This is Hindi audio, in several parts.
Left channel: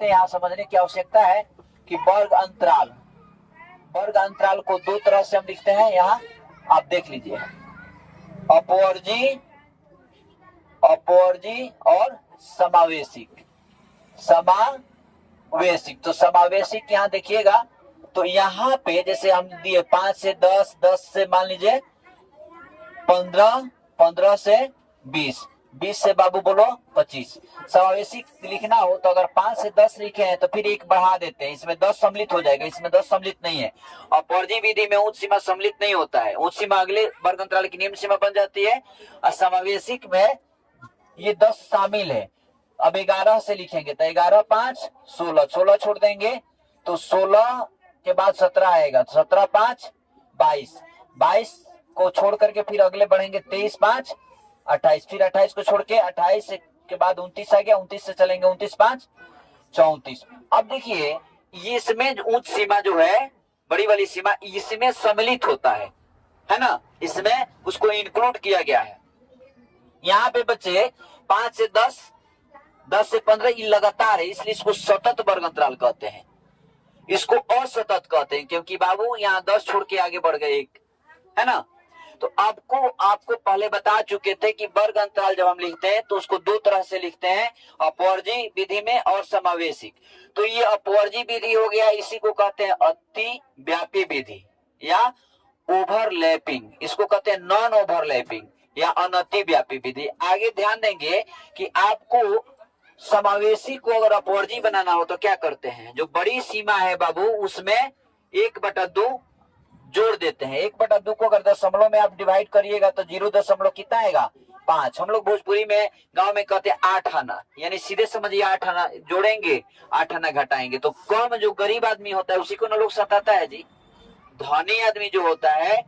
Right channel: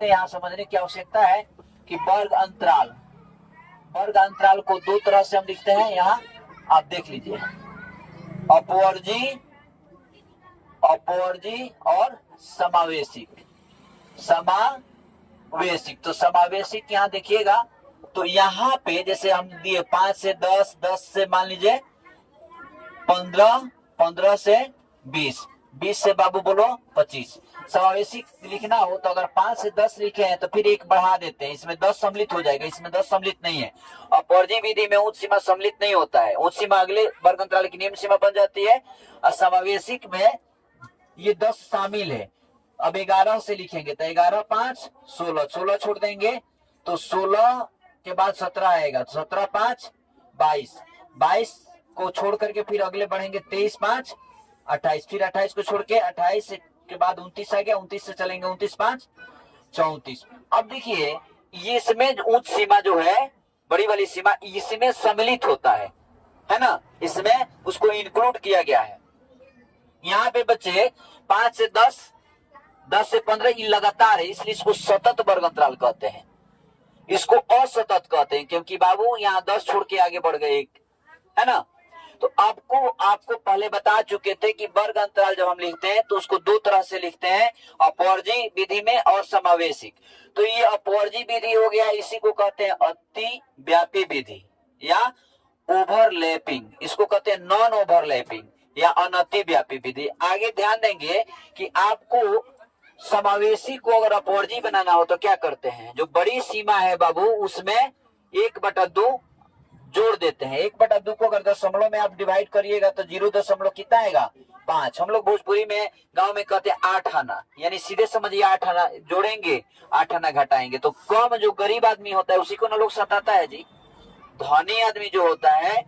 देखते हैं, यहाँ समझने की आवश्यकता है कि वर्ग अंतराल को दो तरह से हम लिखते हैं। यहाँ आप देख लीजिए, अपवर्जी और समावेशिक। तो समावेशिक यहाँ देखिएगा, तो यहाँ पे जैसे हम दिए 5 से 10, 10 से मान लीजिए 15, 15 से 20, 20 से बाबू बोलो 25। समावेशी लिखना हो तो अगर 5 से 10 लिखे हैं तो फिर एक बढ़ा देते हैं, इसमें 10 सम्मिलित हो जाएगा, इसमें 10 सम्मिलित नहीं है। और अपवर्जी विधि में उच्च सीमा सम्मिलित नहीं होता है, उच्च सीमा अगले वर्ग अंतराल की निम्न सीमा बन जाती है, और समावेशिक में ये 10 शामिल है। अब 11 से लिखेंगे तो 11, 5, 16, 16 छोड़ देंगे तो 16 के बाद 17 आएगा, तो 17, 5, 22, 22 को छोड़ करके फिर अगले बढ़ेंगे 23, 5, 28, फिर 28 को छोड़ के 28 के बाद 29 आ गया, 29 से चलेंगे 29, 5, 34। अब देखिए ये इसमें उच्च सीमा जो है, बड़ी वाली सीमा, इसमें सम्मिलित होता है ना, इसमें उसको इंक्लूड किया गया है। यहाँ पे बच्चे 5 से 10, 10 से 15 ये लगातार है, इसलिए इसको सतत वर्ग अंतराल कहते हैं। इसको असतत कहते हैं क्योंकि बाबू यहाँ 10 छोड़ के आगे बढ़ गए एक, है ना। तो आपको पहले बता चुके थे कि वर्ग अंतराल जब हम लिखते हैं तो उसको दो तरह से लिखते हैं, अपवर्जी विधि में और समावेशिक। तो ये अपवर्जी विधि हो गया, इसी को कहते हैं अति व्यापी विधि या ओवरलैपिंग, इसको कहते हैं नॉन ओवरलैपिंग या अनति व्यापी विधि। आगे ध्यान देंगे कि आपको समावेशी को अगर अपवर्जी बनाना हो तो क्या करते हैं, जो बड़ी सीमा है बाबू उसमें 1/2 जोड़ देते हैं। 1/2 को अगर दशमलव में आप डिवाइड करिएगा तो 0 दशमलव कितना आएगा, 5। हम लोग भोजपुरी में गांव में कहते हैं 8 आना, यानी सीधे समझिए 8 आना जोड़ेंगे, 8 आना घटाएंगे। तो कम जो गरीब आदमी होता है उसी को ना लोग सताता है जी। धनी आदमी जो होता है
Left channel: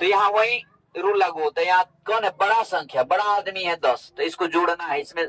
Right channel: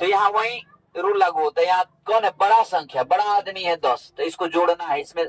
तो यहाँ वही रूल लागू होता है। यहाँ कौन है, बड़ा संख्या, बड़ा आदमी है 10, तो इसको जोड़ना है, इसमें